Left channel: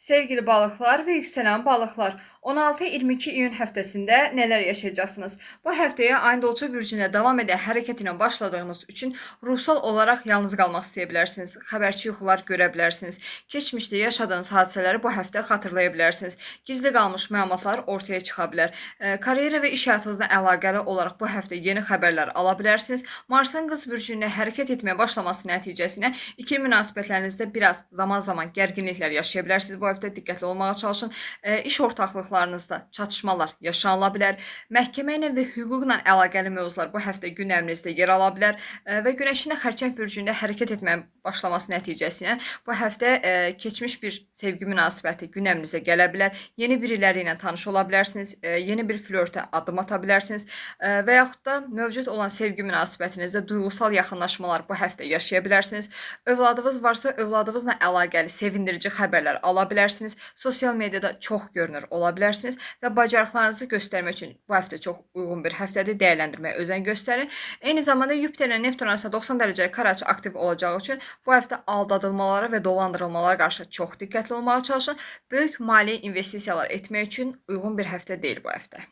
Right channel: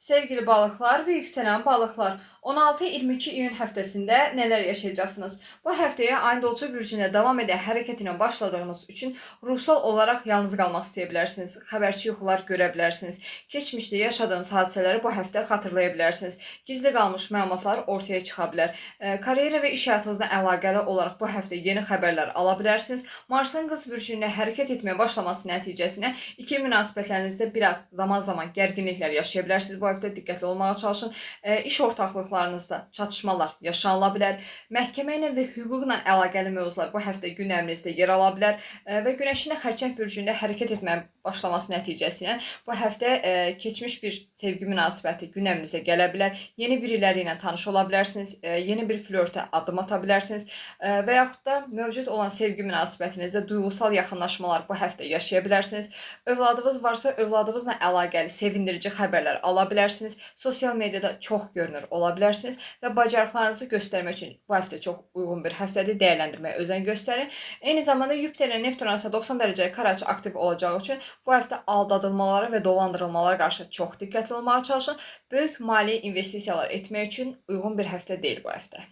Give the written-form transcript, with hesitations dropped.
Sevgili balıklar ve yükselen balıklar, 16-22 iyun həftəsində neler yaşayacaksınız? Bu həftəyə ayın dolçu bürcünə devam eden hareketine başladığınız için ruhsal olarak yalnız qalmaq istəyə bilərsiniz. Xəbərçi yuxular görə bilərsiniz. Keçmişdə yaşadığınız hadisələri bu həftə xatırlaya bilərsiniz. Gizli qalmış məlumatlar ortaya çıxa bilər. Karyera və iş həyatınızla əlaqəli olaraq bu həftə yeni xəbərlər ala bilərsiniz. Marsın qız bürcündə hərəkət etməyə başlaması nəticəsində ikili münasibətlərinizdə biraz zaman gərginliklər yaşaya bilərsiniz. Bu həftə diqqətli olmağa çalışın. İş ortaqlıqlarınızda çatışmalar yaşanıla bilər. Məhkəmə ilə və hüquqla əlaqəli mövzular bu həftə gündəminizdə yer ala bilər və Günəşin də Xərçəng bürcündə hərəkət etməyə başlaması nəticəsilə bu həftə keçmiş bir sevgi münasibəti gündəminizə gələ bilər. Yeni biriləri ilə tanış ola bilərsiniz. Yeni bir flörtə addım ata bilərsiniz və yaxud da mövcud olan sevgi münasibətinizdə duyğusal yaxınlaşmalar bu həftə yaşaya bilərsiniz. Övladınız varsa övladınızla əlaqəli sevindirici xəbərlər ala bilərsiniz. Sosial mediada çox görünür ola bilərsiniz və bacarıqlarınızı göstərmək üçün bu həftə çox uyğun bir həftədir. Dəyərləndirməyə özen göstərin. Eyni zamanda Yupiterlə Neptun arasında 90 dərəcə kare açı aktiv olacağı üçün bu həftə aldadılmalara və dolandırılmalara qarşı çox diqqətli olmağa çalışın. Böyük maliyyə investisiyalar etmək üçün uyğun bir həftə deyil bu həftə.